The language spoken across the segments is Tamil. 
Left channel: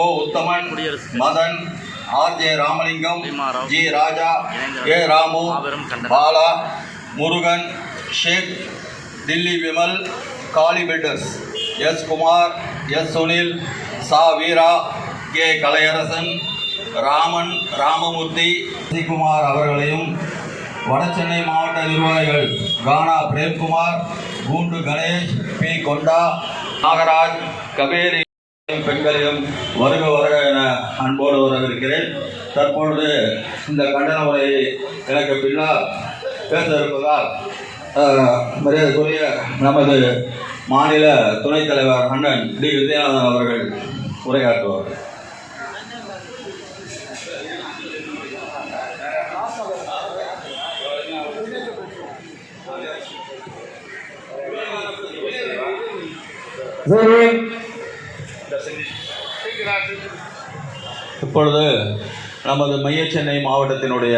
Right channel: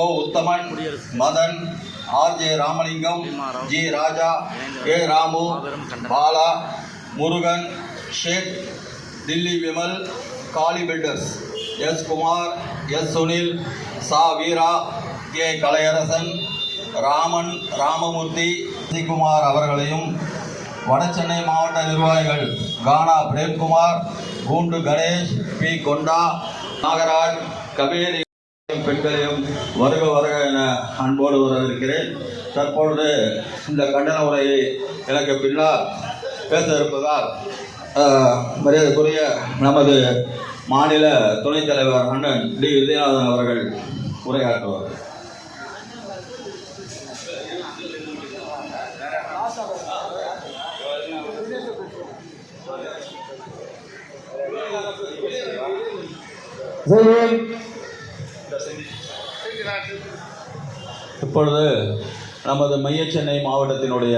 Ko Uthaman Madhan R. J. Ramalingam G. Raja A Ramu Bala Murugan Sheikh Dilli Vimal Kali builders S. Kumar S. Sunil Sa. Veera K. Kalaiyarasan Raman Ramamoorthy Kumar அவர்களையும் வடசென்னை மாவட்ட நிர்வாகிகள் கானா பிரேம்குமார் கூண்டு கணேஷ் பி. கொண்டா நாகராஜ் கபேரி பெண்களையும் வருக வருக என அன்போடு வரவிருக்கிறேன் தற்பொழுது இந்த கண்டன உரையை எனக்கு பின்னால் பேச இருப்பதால் மரியாதைக்குரிய நமது மாநில துணைத் தலைவர் அண்ணன் டி. விஜயநாதன் அவர்கள் உரையாற்றுவார் இப்பொழுது நமது மைய சென்னை மாவட்டத்தினுடைய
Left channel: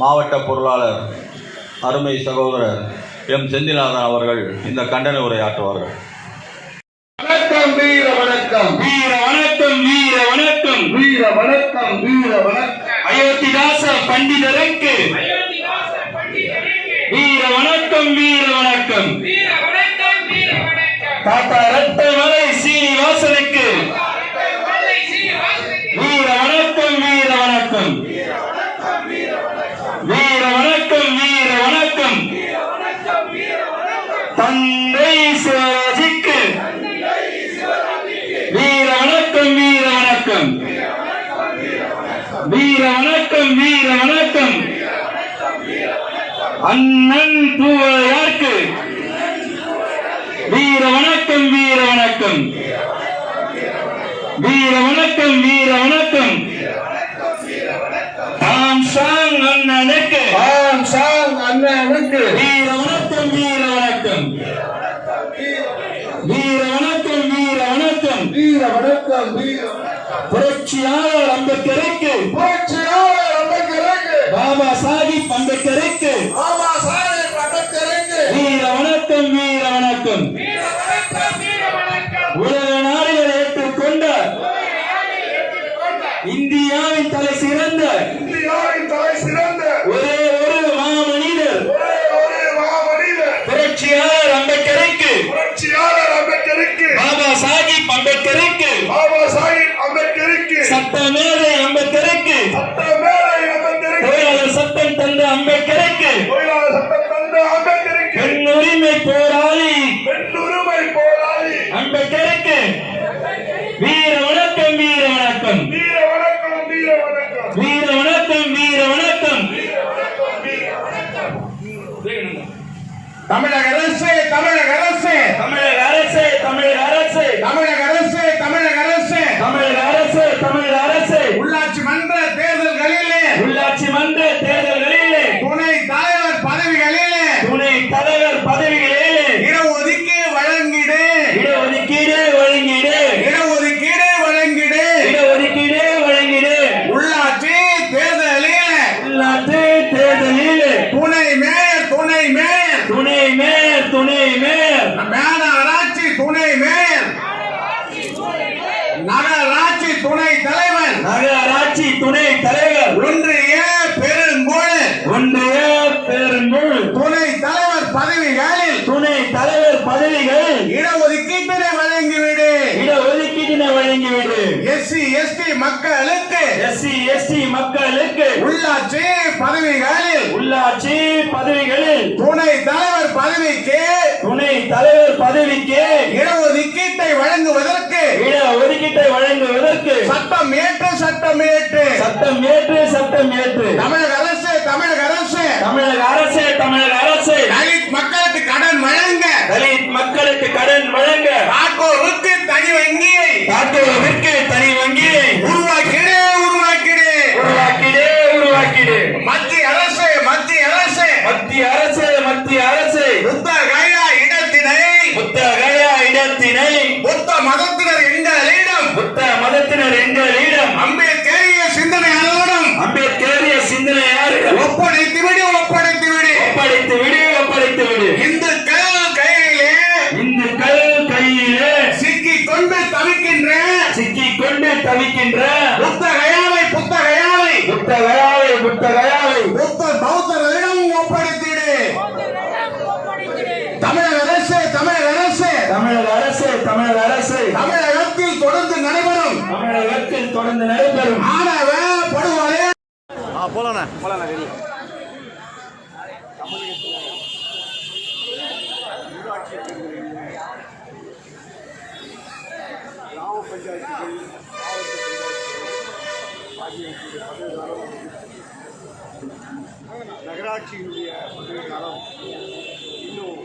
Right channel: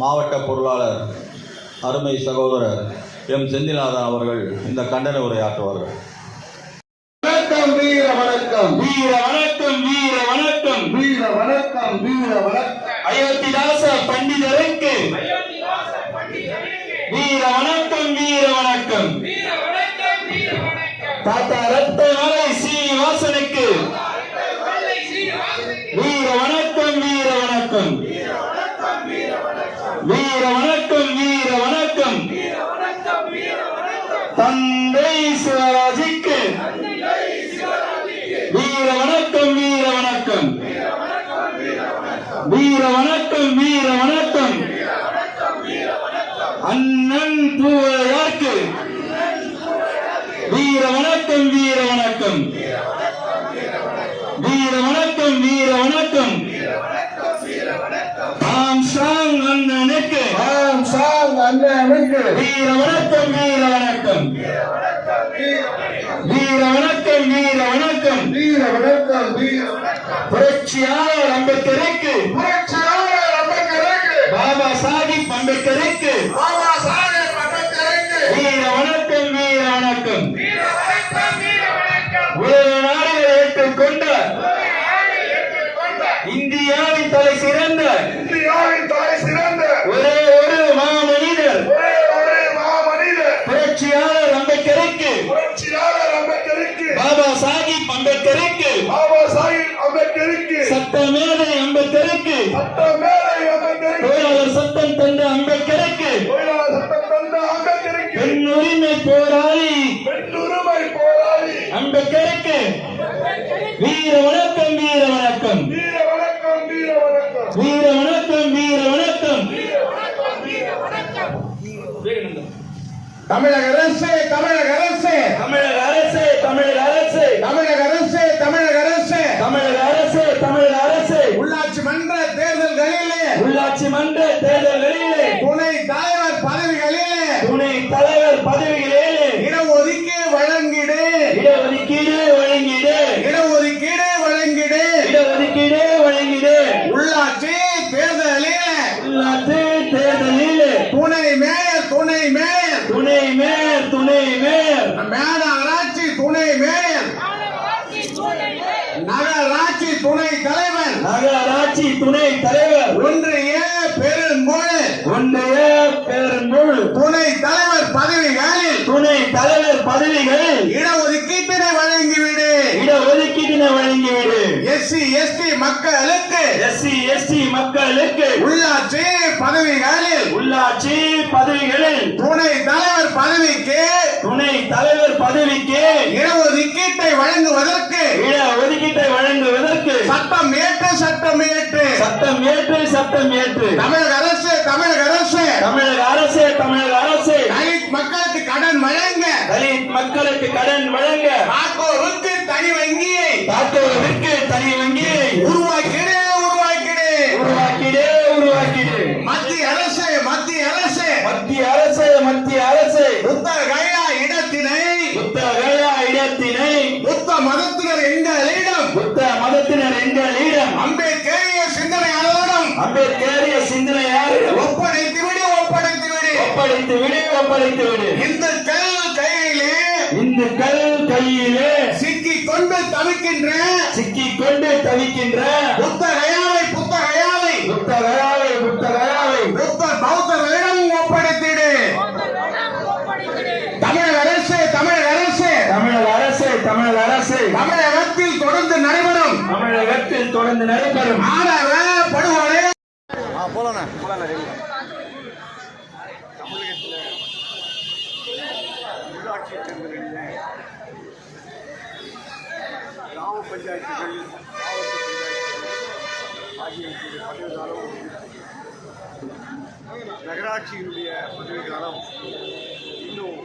மாவட்ட பொருளாளர் அருமை சகோதரர் எம். செந்திநாதன் அவர்கள் இந்த கண்டன உரையாற்றுவார்கள். வணக்கம் வீர வணக்கம். வீர வணக்கம் வீர வணக்கம். வீர வணக்கம் வீர வணக்கம். அயோத்திதாச பண்டிதருக்கு. வீர வணக்கம் வீர வணக்கம். தாத்தா ரத்தமலை சீனிவாசனுக்கு வீர வணக்கம் வீர வணக்கம் வீர வணக்கம் வீர வணக்கம் தந்தை சிவராஜிக்கு. வீர வணக்கம் வீர வணக்கம். வீர வணக்கம் வீர வணக்கம். அண்ணன் பூவையார்க்கு வீர வணக்கம் வீர வணக்கம் வீர வணக்கம் வீர வணக்கம் ஆம் சாங் அண்ணனுக்கு ஆம் சாங் அண்ணனுக்கு வீர வணக்கம் வீர வணக்கம் வீர வணக்கம் வீர வணக்கம் வீர வணக்கம் வீர வணக்கம் புரட்சியாளர் அம்பேத்கருக்கு. புரட்சியாளர் அம்பேத்கருக்கு. பாபா சாஹிப் அம்பேத்கருக்கு. பாபா சாஹேப் அம்பேத்கருக்கு. வீர வணக்கம் வீர வணக்கம். உலக நாடுகள் ஏற்றுக்கொண்ட இந்தியாவின் தலை சிறந்த இந்தியாவின் தலை சிறந்த ஒரே ஒரு மாமனிதர். ஒரே ஒரு மாமனிதர். புரட்சியாளர் அம்பேத்கருக்கு. புரட்சியாளர் அம்பேத்கருக்கு. பாபா சாஹிப் அம்பேத்கருக்கு. பாபா சாஹேப் இருக்கு. சட்ட எஸ்சி எஸ்டி மக்களுக்கு உள்ளாட்சி பதவிகளில் உள்ளாட்சி பதவிகளில் துணை தலைவர் பதவிக்கு துணை தலைவர் பதவிக்கு இடஒதுக்கீட்டை வழங்குவதற்கு இட ஒதுக்கீட்டை வழங்குவதற்கு சட்டம் ஏற்று சட்டம் ஏற்று. சட்டம் ஏற்று சட்டம் ஏற்று. தமிழக தவிக்கின்ற புத்தகையாவை புத்தகையாவை புத்தகயாவை புத்தகயாவை புத்த பௌத்தர்களிடம் ஒப்படைத்திடு. தமிழக அரசு தமிழக அரசு. தமிழக அரசு தமிழக அரசு. தமிழகத்தில் தொடர்ந்து நடைபெறும். தமிழகத்தில் தொடர்ந்து நடைபெறும். ஆணவ படுகொலை. உள்ளாட்சி தேர்தலில் கிராம பஞ்சாயத்துகள் மாவட்ட பஞ்சாயத்துகள் ஆகியவற்றுடைய நகராட்சியினுடைய பதவிகாலம் இன்னும்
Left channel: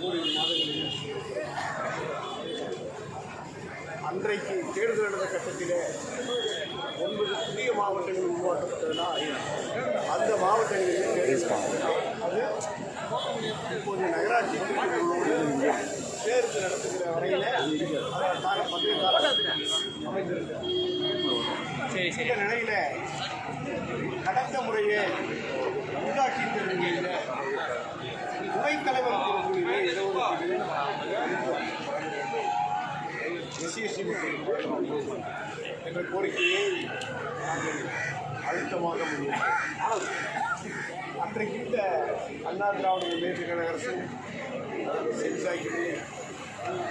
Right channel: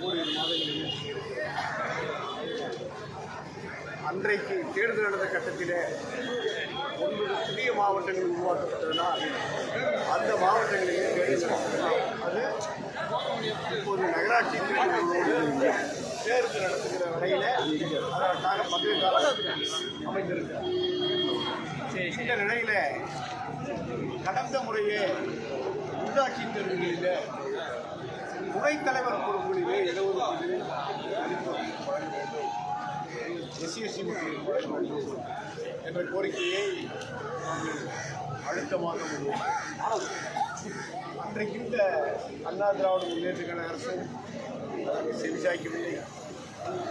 ஓரிரு மாதங்களில் அன்றைக்கு தேர்தல் நடந்த கட்டத்தில் ஒன்பது புதிய மாவட்டங்கள் உருவாக்கப்பட்டதுன்னா அந்த மாவட்டங்களிலே தேர்தல் அது இப்போது நகராட்சி தேர்தல்களோடு தேர்தல் நடத்துகிற வரையில் அதற்கான பதவி காலம் அமைந்திருக்கிறது. இந்த நிலையில் கடந்த முறையே உள்ளாட்சி தேர்தல்களில் துணைத் தலைவர் பொறுப்புகளிலே ஒரு எஸ்சிஎஸ்சி மற்றும் என்ற கோரிக்கையை நாங்கள் அழுத்தமாக முடியும். அன்றைக்கு இந்த அண்ணா திராவிட முன்னேற்ற கழக அரசும் செஞ்சாக்கி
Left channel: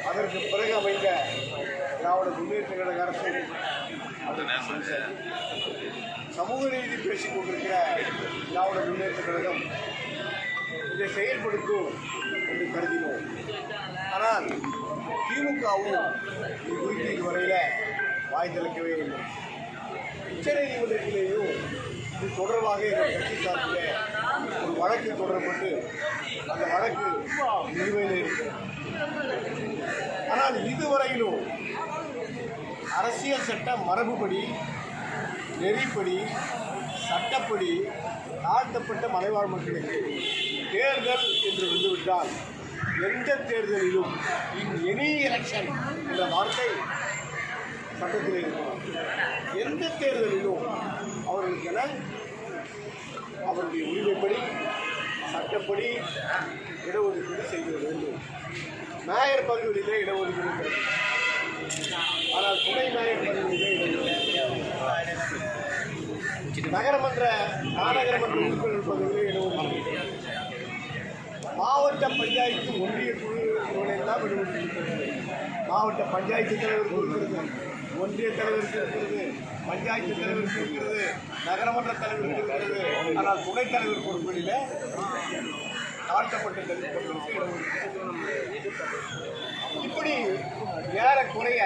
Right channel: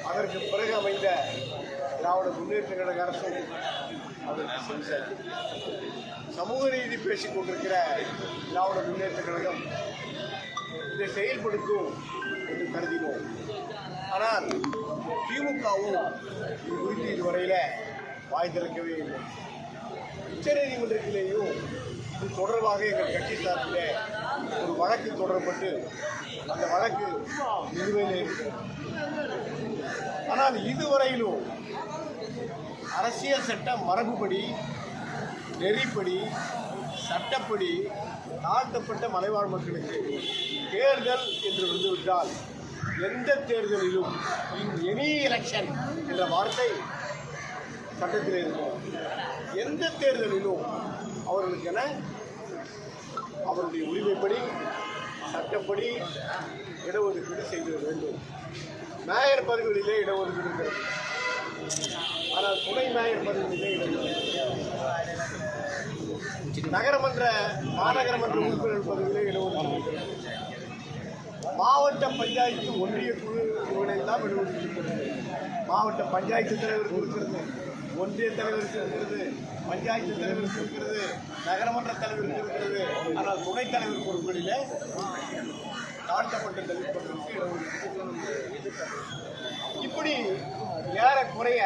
அதற்கு பிறகு அமைந்த திராவிட முன்னேற்ற கழக அரசு. சமூக நீதி பேசிக் கொண்டிருக்கிற திராவிட முன்னேற்ற கழகம் இதை செயல்படுத்தும் என்று கருதினோம். ஆனால் திமுகவும் இது குறித்து இதுவரையில் வாய் திறக்கவே இல்லை. உச்சநீதிமன்றத்திலேயும் இது தொடர்பாக எங்கள் கட்சி சார்பில் ஒரு வழக்கு தொடரப்பட்டு அந்த வழக்கு நிலுவையில் இருக்கிறது. ஆனால் இதுவரையிலும் அரசியல் சட்ட மரபுப்படி நெறிப்படி சட்டப்படி தாழ்த்தப்பட்ட மலைவாழ் மக்களுக்கு தேர்தல் என்று வந்துவிட்டால் எந்த தேர்தலிலும் இன் எனி எலெக்ஷன் என்ற வார்த்தை சட்டத்தில் இருக்கிறது எந்த தேர்தலிலும் அவர்களுக்கென அவருடைய உரிமைப்படி சட்டப்படி இடஒதுக்கீடு செய்திட வேண்டும். மேயர் பதவிகளிலே இடஒதுக்கீடு இருக்கிறது ஆனால் துணை மேயர் நகரமன்ற மாநகரமன்ற உறுப்பினர் பதவியிலே இடஒதுக்கீடு மாவட்ட பஞ்சாயத்து ஒன்றிய குழு எல்லாம் இடஒதுக்கீடு மாவட்ட பஞ்சாயத்து தலைவருக்கு இருக்கிறது ஒன்றிய தலைவருக்கு இருக்கிறது பஞ்சாயத்து தலைவருக்கு இருக்கிறது நகரமன்ற தலைவருக்கு இருக்கிறது ஆனால் துணைத் தலைவர் பொறுப்புகளிலே தாழ்த்தப்பட்ட தலித் மக்களுக்கு இடஒதுக்கீடு இப்படி ஏறக்குறைய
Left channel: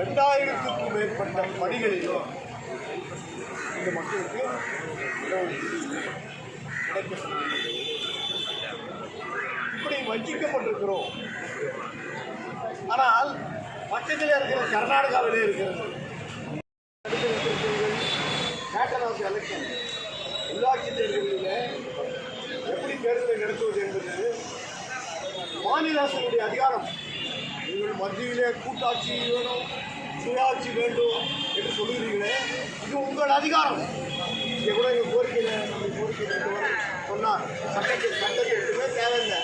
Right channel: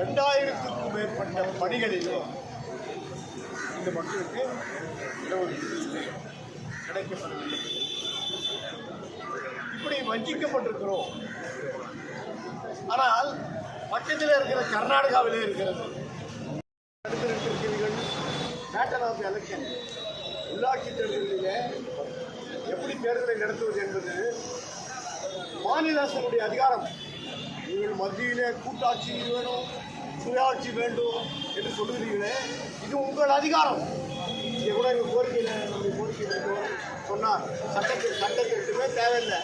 ரெண்டாயிரத்துக்கும் மேற்பட்ட பணிகளிலும் இந்த மக்களுக்கு இடஒதுக்கீடு இப்படி வஞ்சிக்கப்பட்டிருக்கிறோம். ஆனால் பக்கத்தில் இருக்கிற கர்நாடகாவிலே இருக்கிறது. பேட்டர்ன் ஆஃப் எலெக்ஷன் உள்ளாட்சி தேர்தலில் எப்படி தேர்தலை நடத்துவது என்பது மாநில அரசினுடைய அதிகாரம். நீங்கள் மத்தியிலே கூட்டாட்சி வேணும் சுயாட்சி வேண்டும் என்று சொல்லுகிறீர்களே இது உங்கள் அதிகாரம். இங்கே கூட எங்கள் கோரிக்கையில் நம்முடைய கோரிக்கையில் சொன்னார். சட்டத்தில் சட்டத்திற்குமே தேவையில்லை.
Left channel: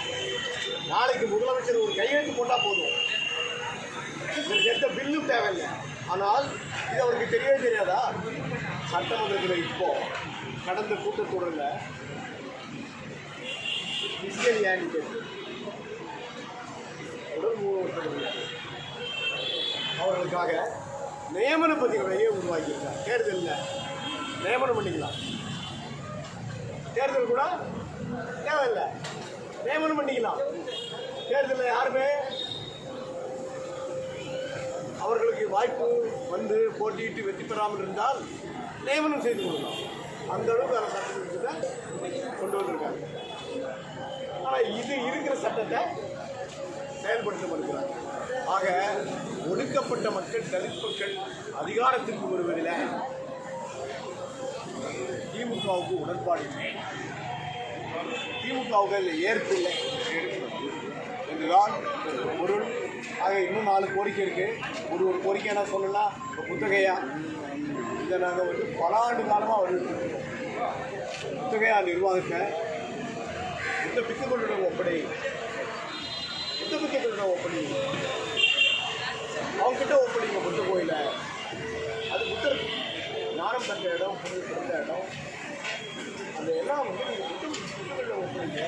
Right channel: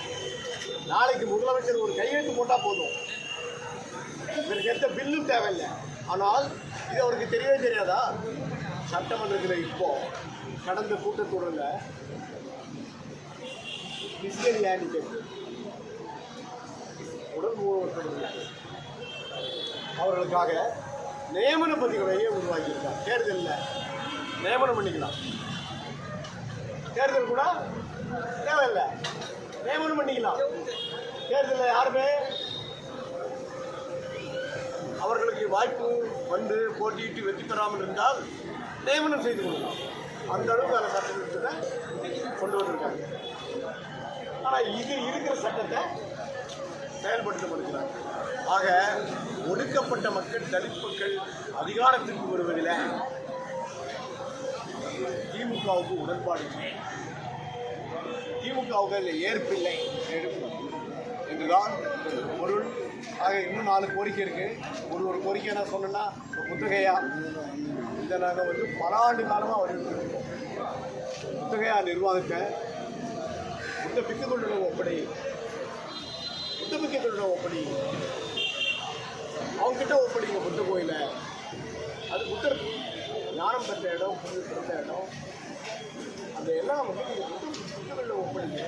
நாளைக்கு முதலமைச்சர் ஒரு கையெழுத்து போட்டால் போதும். இதற்கு எந்த பில்லும் தேவையில்லை. ஆனால் இது அவருக்கு தெரியவே தெரியாதா? சட்டமன்றத்தில் இப்போ கடந்த கூட்டத்தொடரில் பிசிக்கல் ஹேண்டிகேப் உடல் அவர்களுக்காக நியமன பத்திரிகையை உருவாக்கியிருக்கார் தேர்தலில் நியமனம் பண்ணிக்கலாம். தேர்தல் கூட தேவையில்லை. நியமனம் பண்ணிக்கலாம். தேர்தலில் யாருமே அவர்களுக்கு வாய்ப்பு வந்து போட்டியிட்டு வெற்றி பெறாமல் இருந்தால் நியமனம் செய்து கொள்ளலாம். அந்த அளவுக்கான சட்டத்திட்டத்தை கொண்டு வந்திருக்காங்க. ஆனால் இது இருக்கிற சட்டத்தை செயல்படுத்த மறுக்கிறாங்க ஆக ஒடுக்கப்பட்ட மக்கள் தலித் மக்கள் அதிகாரத்திற்கு வருவதில் திமுகவுக்கு உடன்பாடு இல்லை. திமுகவுக்கு அதில் ஏற்பில்லை என்றுதான் பொருள். ஆக இன்னும் நாலு கோரிக்கை இருக்கு. ஒரு ஒரு கோரிக்கை என்ன சொல்லணும்னா புத்தகையா இதை நாங்கள் வந்து பல ஆண்டு காலமாக வலியுறுத்திருக்கோம் புத்தகையா நிர்வாகத்தை புத்த பித்துக்கொள்ளிடம் ஒப்படை கிட்ட ஒப்படி அவங்கக்கிட்ட ஒப்படிங்க புத்த கோயில. அது புத்தர் ஞானம் பெற்ற இடம் புது பிறந்த இடம். அந்த எல்லாம் வந்து நீங்கள் புத்த புத்தர்களில் ஒப்படைங்க.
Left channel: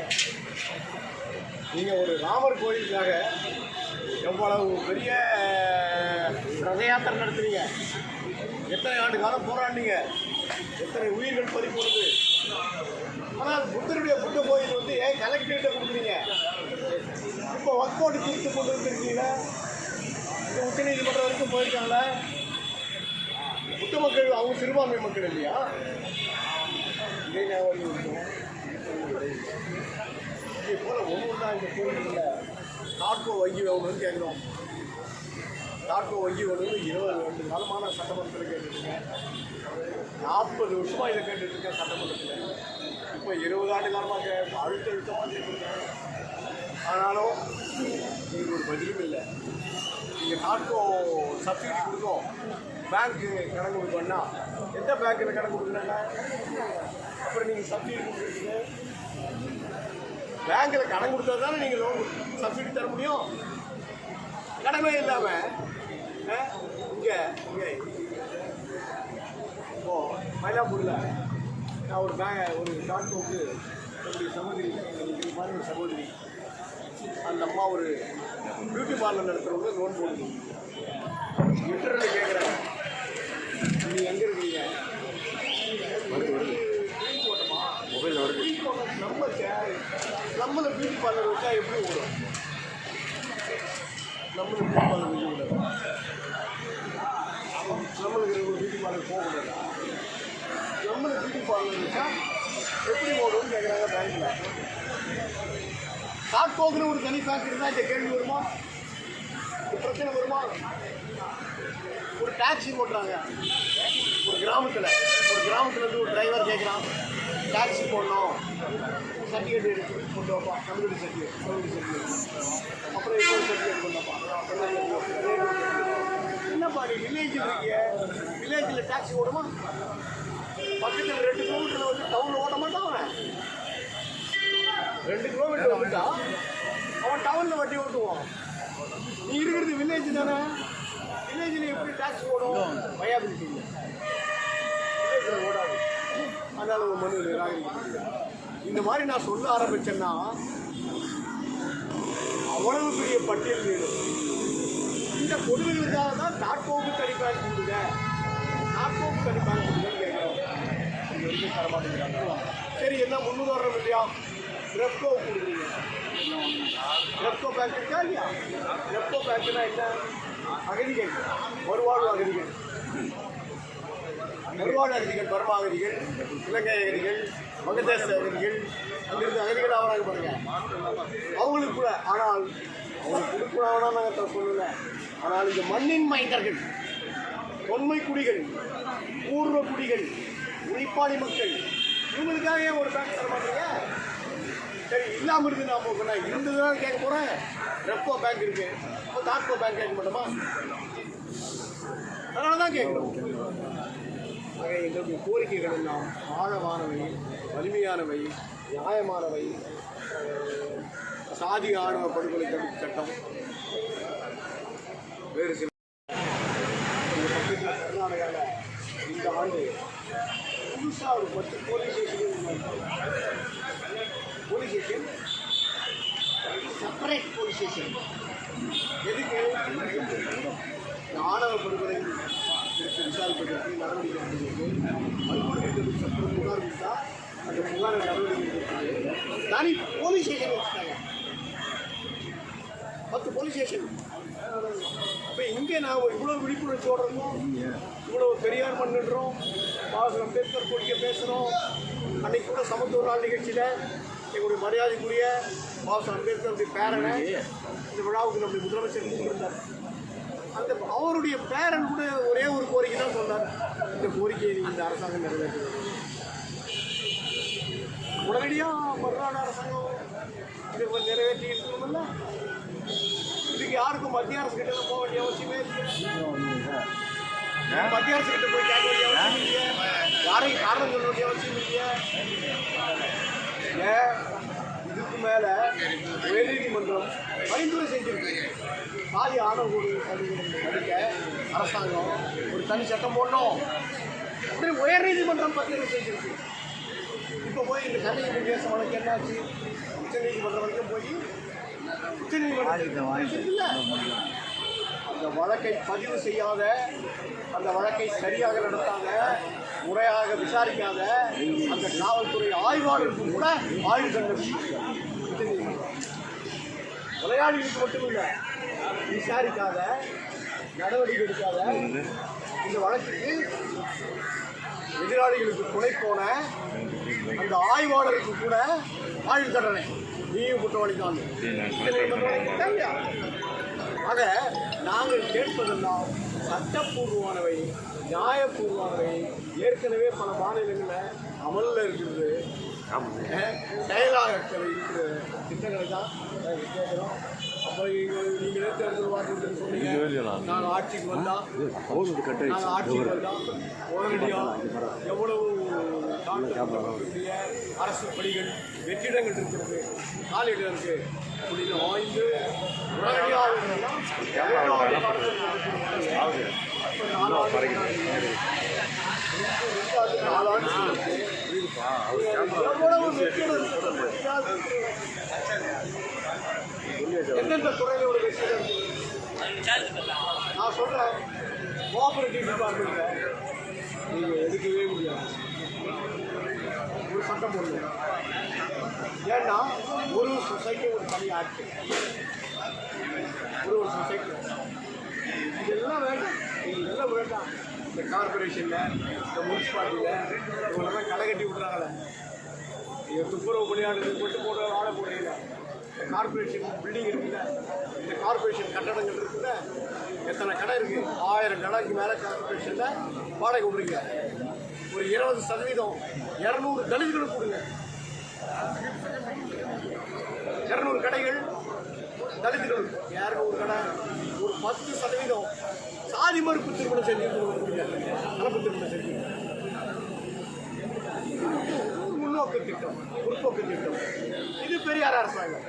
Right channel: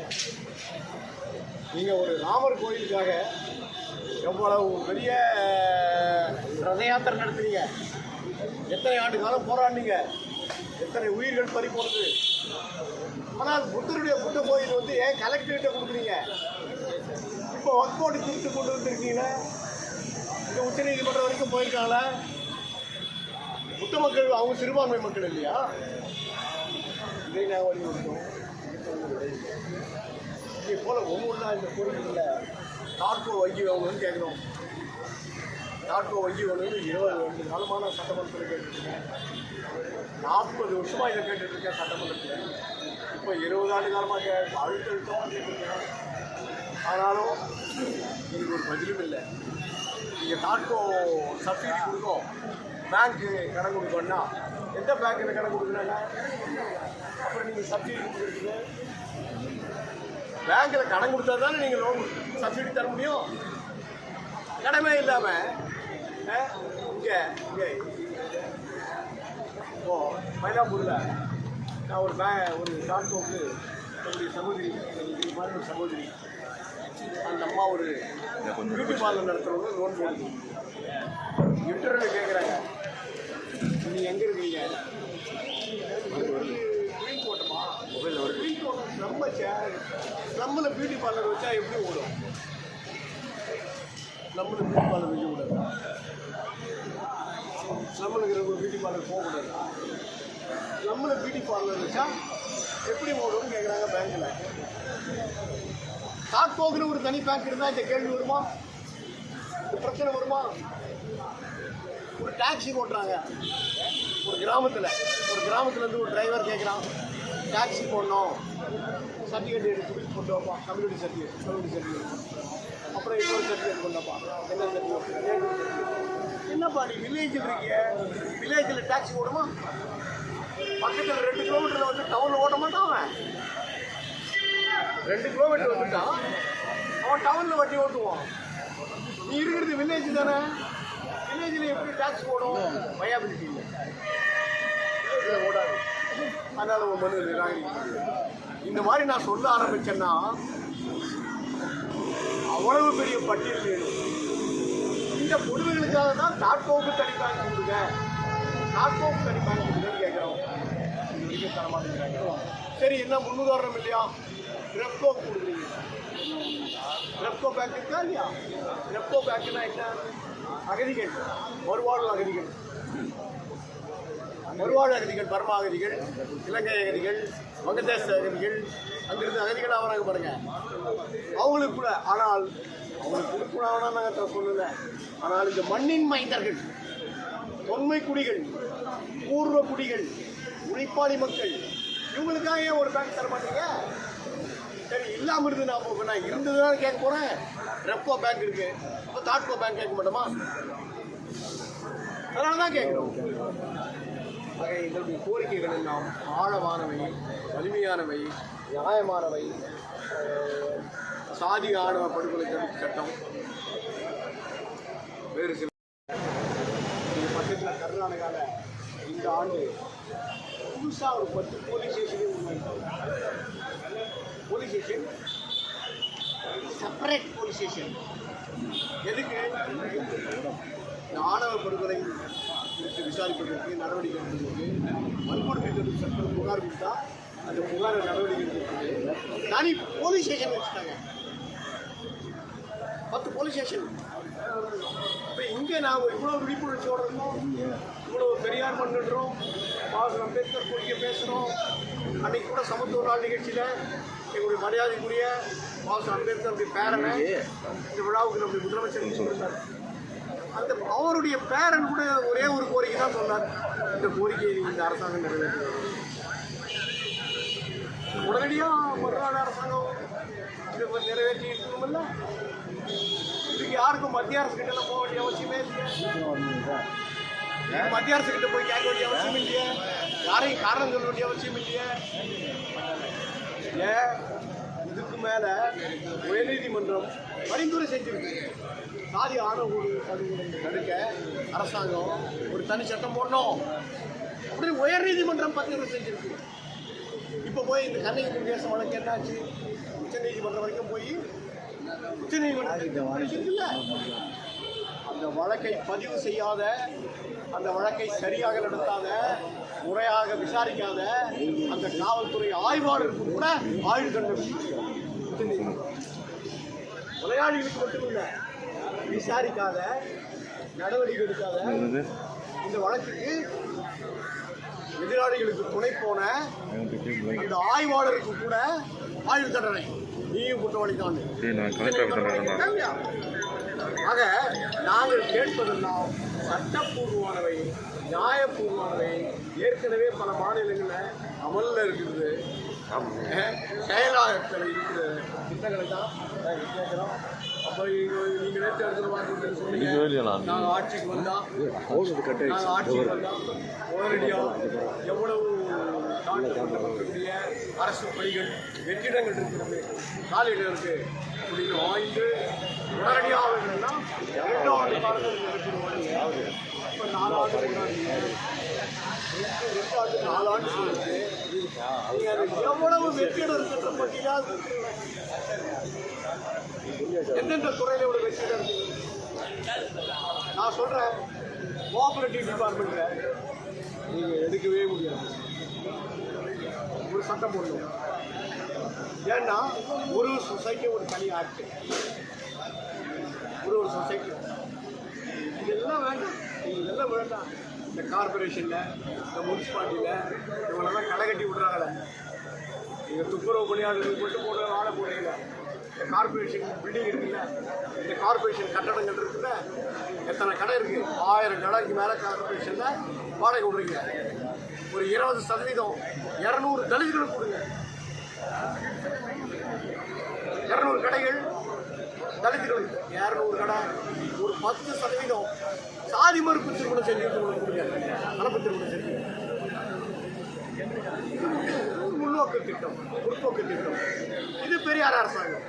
நீங்கள் ஒரு ராமர் கோயிலுக்காக எவ்வளவு பெரிய ரத யாத்திரை நடத்துறீங்க? எத்தனை ஆண்டு காலம் போராடினீங்க? எத்தனை உயிர்கள் பறி போனது? ஆனால் புத்தருடைய புத்த கோயில் வந்து ஏன் கலெக்டர்கிட்ட கொடுக்குறீங்க? இப்போ ஒர்க் போட்டு தீர்த்து கொண்டு வந்திருக்கீங்களே உச்ச உச்சநீதிமன்றம் வரைக்கும் போயிருக்காங்கள. புத்த மக்கள் அவங்க சிறுபான்மை மக்கள் இல்லையா? இதை நான் வலியுறுத்தோம் இதே போல் ஒவ்வொன்றா இந்த கோயில்களில் டாட்கோ வங்கி வேணும்னு கேட்குறோம். டாட்கோ வங்கி வேணும்னு இருபது ரெண்டு காலமான சட்டமன்றத்தில் கேட்டுருக்கேன். நாற்பது வருஷமாக இதை கேட்டுட்ருக்கேன் சட்டமன்றத்தில். இப்போ இருபது ஆண்டு காலமாக அழுத்த அழுத்தமாக கேட்டுருக்கேன். ஆனாலும் இதுக்கு ஒரு பதிலும் இல்லை. நீங்கள் டாட்கோ சப்சிடி கொடுக்கும் பேங்க்கு கணக்கு கொடுக்கணும்னா எந்த பேங்க்கில் கணக்கு கொடுக்கணும்னா? அப்புறம் நீங்கள் சப்சிடி கொடுக்குறீங்க பேங்க்கில் கடன் கொடுத்தா தானே நீங்கள் லோன் சப்சிடி தர முடியும். கடமே இல்லாமல் இங்கே இங்கே. இப்போது மயிலாப்பூரில் நான் ஒரு பே ஒரு டாட்கோக்கு என்னுடைய சகோதரி இது மாதிரி ஒரு சகோதரி அந்த அம்மா ஒரு பியூட்டி பார்லர் நடத்துகிறவங்க லோன் போடுது. இன்டர்வியூ கேட்குறாங்க நீ எங்கே இருக்கீங்க? கோட்டமா மொபைல் வருது. நம்ம நம்மள பியூட்டி பார்லர் வச்சா எப்படி ஓடும்? நம்மளுக்கு பியூட்டி பார்லர் வைக்க கூடாது நம்மளுக்கு ஒரு பியூட்டி பார்லர் போகக்கூடாது நம்மளுக்கு பியூட்டி பார்லர் வச்சா எப்படி ஓடும்னு கேட்குறாங்க பேங்க்கில் டாட்கோக்குன்னு ஒரு தனி பேங்க் இருந்தால் இந்த கேள்வி வருமா? இந்த பிரச்சனை வருமா? ஒரு டாக்ஸி ஓட்டுறாங்க. ஒரு கிராமத்தில். ஒரு கிராமத்துலேருந்து ஒரு டிரைவர் கேட்குறான் டாக்ஸி போடணும். சர்டிஃபிகேட் எடுத்து கொண்டு வைப்பான் கம்யூனிட்டி சர்டிஃபிகேட் கம்யூனிட்டி சர்டிஃபிகேட். அப்புறம் இன்னொரு சர்டிஃபிகேட் கொண்டு வைப்பான் என்னப்பா நீ வில்லேஜ் இருக்கீங்க வில்லேஜில் டாக்ஸி ஓடுமா? பக்கத்தில் ரெண்டு கிலோமீட்டரில் வந்து டவுனில் ஓட்ட மாட்டான் அவன். ரெண்டு கிலோமீட்டர் வந்துட்டான் அவன் டவுனில் வட்டி ஓட்டுவான். நீ இருக்கிறது வில்லேஜ் தானே. வில்லேஜில் எப்படி டேக்ஸ் ஓடும் வயாபிலிட்டி இல்லை. வில்லேஜில் ஓடாது. அதனால் உன் மனு நிராகரிக்க முடியாது இந்த மாதிரி நான் சொல்ல ஆரம்பித்தேன்னா அவ்வளவு பெரிய பட்டியல் வேணும். இந்த கொடுமைகளுக்காக தான் டாட்கோவுக்கு தனி கொடுங்க டாட்கோவுக்கு தனி கொடுங்கன்னு கேட்குறோம். இது வரைக்கும் சரி என்ன முன்னுதாரணம் இல்லையா? ரெப்கோ கொடுக்குறீங்க ரெப்கோ பேங்க் இருக்கா இல்லையா ரெப்கோ பேங்க்னா என்ன அகதிகள் மறுவாழ்வு அகதிகள் மறுவாழ்வு அகதிகள் பர்மா அகதிகள் இலங்கை அகதிகள் வங்கதேச அகதிகள் அங்கிருந்து அகதிகள் ஆகிறாங்க பாருங்க. அவங்களுக்கு கூட ஆனால் அவங்களுக்கு கொடுக்கூடாதுன்னா நாங்கள் சொல்லலை. ஆனால் இந்த மண்ணின் மைந்தர்கள் தொன்மை குடிகள் பூர்வ குடிகள் உழைப்பாளி மக்கள் இவங்களுக்காக ஒரு பேங்க் தர மாட்டீங்க. சரி இல்லாமல் இருந்து நான் இப்போ நான் இருந்ததுனால கேட்க போகிறேன் ரெப்கோ பேங்க் இருக்குது இப்போ தாட்கோ பேங்க் கேட்க மாட்டோமா? அதனால தான் கேட்குறோம். ஆக எங்களுடைய கோரிக்கைகள் எல்லாம் ஆழமானவை வலிமையானவை நியாயமானவை. சாதி ஆணவ படுகொலை தடுப்பு சட்டம். வேறு சில இந்த பக்கத்தில் கர்நாடகாவில் இந்த ஆண்டு புதுசாக ஒரு பத்து police station police station? Separate police station. எதுக்கு? இந்த ஆணவ படுகொலை குறித்து விசாரிப்பதற்கு நடவடிக்கை எடுப்பதற்கு வன்கொடுமைகளுக்கு சட்டம் புகார் கொடுத்தா அந்த புகாரை நடவடிக்கை எடுப்பது தனி போலீஸ் ஸ்டேஷன் வச்சுட்டாங்க பத்து போலீஸ் ஸ்டேஷன். இப்போ இங்கே நான் இவ்வளோ விழிப்புணர்ச்சியோட இருக்கோம் இவ்வளோ பெரியார் பண்ணுறோம் பாபா அம்பேத்கர் கோரிக்கை பேசுகிறோம் அன்னைக்கு கூட சமத்துவ நாள் நிகழ்ச்சியில் எங்களுடைய மரியாதைக்குரிய பாபா அம்பேத்கருடைய பேரனை இந்த விழாவுக்கு நம்முடைய முதலமைச்சர் சொல்லியிருந்தார் அந்த அவருடைய பேரன் கூட ஒரே ஒரு கோரிக்கை தான் சொன்னார். இந்த கோரிக்கையை இந்த அரசாங்கம் நிறைவேற்ற உடனடியாக மறுநாள் அரசாங்கம் இது நிறைவேற்றி இருக்கணும்ல இதுக்கு யாருக்கும் மத்திய அரசு கிட்ட போக வேண்டிய அவசியமே இல்லையா. மத்திய அரசு கிட்ட போய் கேட்க வேண்டிய அவசியம் இல்லையா. யாரையும் காரணம் சொல்ல வேண்டிய அவசியம் இல்லையா. மேலே உயர்நீதிமன்றம் பரிந்துரை செஞ்சிருக்கு. சாதி ஆணவ தடுக்க அரசாங்கம் ஒரு தனி சட்டம் போடணும். உடனே உயர்நீதிமன்றம் பத்திரிகை செஞ்சிருக்கு? இப்போ போய் இந்த கண்ணகி பேச வழக்கு என்னாச்சு? உச்சநீதிமன்றம் வரைக்கும் போய் உச்சநீதிமன்றம் இல்லை அந்த வழக்கை பதிவு செய்யாத அந்த வழக்கை சரியாக நடத்தாத முறையாக விசாரிக்காத அந்த காவல்துறை ஆய்வாளருக்கு கூட ஆய்வு தண்டனை கொலையாளிகளுக்கு மட்டுமில்ல விசாரிக்காத நடவடிக்கை எடுக்காத. இந்த வழக்குக்கு எதிராளிகளுக்கு துணை போன அந்த ஆய்வாளருக்கு கூட ஆயுள் தண்டனை. நீயும் குற்றவாளி தான் ஆக நாங்கள் கேட்பதெல்லாம் சட்டப்பூர்வமானவை நியாயப்பூர்வமானவை. ஏற்கனவே பல மாநிலங்களில் அமலில் இருக்கிறது. செயலாக்கத்தில் இருக்கிற திட்டங்களை தான் நாங்கள் கேட்குறோம். அப்போ நீங்களே தேர்தல் சொன்னீங்க. நாங்கள் ஆட்சிக்கு வந்தால் நாங்கள் ஆட்சிக்கு வந்தால் உடனடியாக எவ்வளவு தாழ்த்தப்பட்டவர்களுடைய அரசு பணிகள் வெற்றிடங்கள் இருக்கிறது. காலையில் இருக்கு. அப்படின்னு ஆய்ந்து உடனடியாக இரண்டாவது எவ்வளவு வெற்றிடம் இருக்கிறது? பற்றியா எந்தெந்த துறையில் ஒரு வெற்றிகள் நான் சொல்கிறேன் கோஆபரேட்டிவ் டிபார்ட்மெண்ட்டில் நீங்கள் எடுக்கவே முடியாது. ஒரு சட்டம் போடணும் ஏன்னா ஒரு சொசைட்டி ஒரு தனி ஆட்சி. ஒரு ஒரு சொசைட்டி இதெல்லாம் வேண்டாம். இதெல்லாம் வேண்டாம். இந்த கார்பரேஷனில் இந்த முனிசிபாலிட்டியில் இவங்களெல்லாம் கடை கட்டி விட்றாங்களே நீங்கள் துப்புரவு பணியாளர்களுக்கு மட்டும் போடுற ஆளை போடுறீங்க இந்த கார்பரேஷன் பில்டிங் இருக்குல்ல இந்த கார்பரேஷன் கட்டடங்கள் இருக்குல்ல எத்தனை கடை இருக்குது ஆயிரம் கடைக்கு மேலே கார்பரேஷனில் வாடகை விடுறீங்க ஒரு இருபது சதவீதம் இரநூறு தலித்துகளுக்கு கொடுங்க. இரநூறு கடைகள் தலித்துகளுக்கு இரநூறு கடை ஒரு பத்து சதவீதம் சாதி மறுப்பு திருமணம் செஞ்சு கொடுக்குறாங்க கலப்பு திருமணம் செஞ்சு முன்னோக்கு திட்டம் முற்போக்கு திட்டம். இது பெரியார் அரசாங்கம்.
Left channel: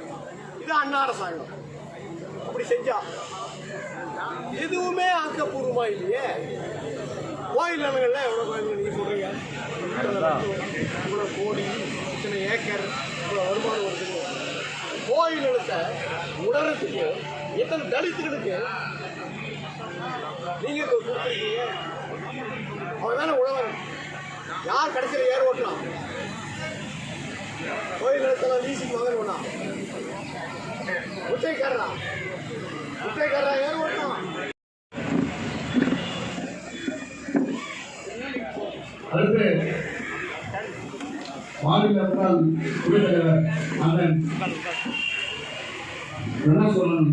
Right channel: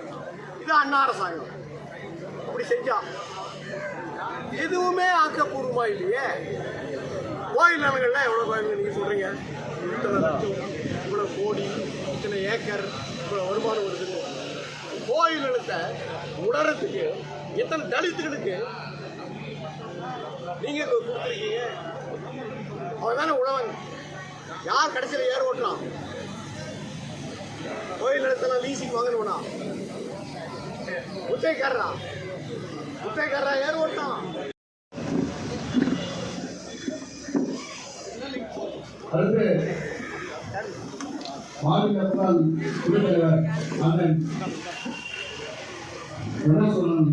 இது அண்ணா அரசாங்கம். அப்படி செஞ்சா எதுவுமே ஆக்கப்பூர்வமா இல்லையே? கோயில் நிலங்கள்ல எவ்வளோ கோயில் நீங்கள் சொல்கிறீங்க இத்தனை லட்சம் இவ்வளோ கோடி இத்தனை ஏக்கர் இவ்வளோ வருமானம் வருது. கோயில் நிலத்தை உணரத்துக்கு எத்தனை தலித்துகளுக்கு நீங்க கொடுத்துருக்கீங்க? அவன் தானே உழவன் யார் கடைசியில் ஏர் ஓட்டலாம் கோயில் நிலத்தெல்லாம் லீசிங் வாங்கணும்னா முட்டைக்காரரா? முட்டைக்காரரா ஏர் ஓட்டலாம் அடுத்து மாநில முன்னாள் குடித்தலைவர் அண்ணன் என்ன சொல்லணும்?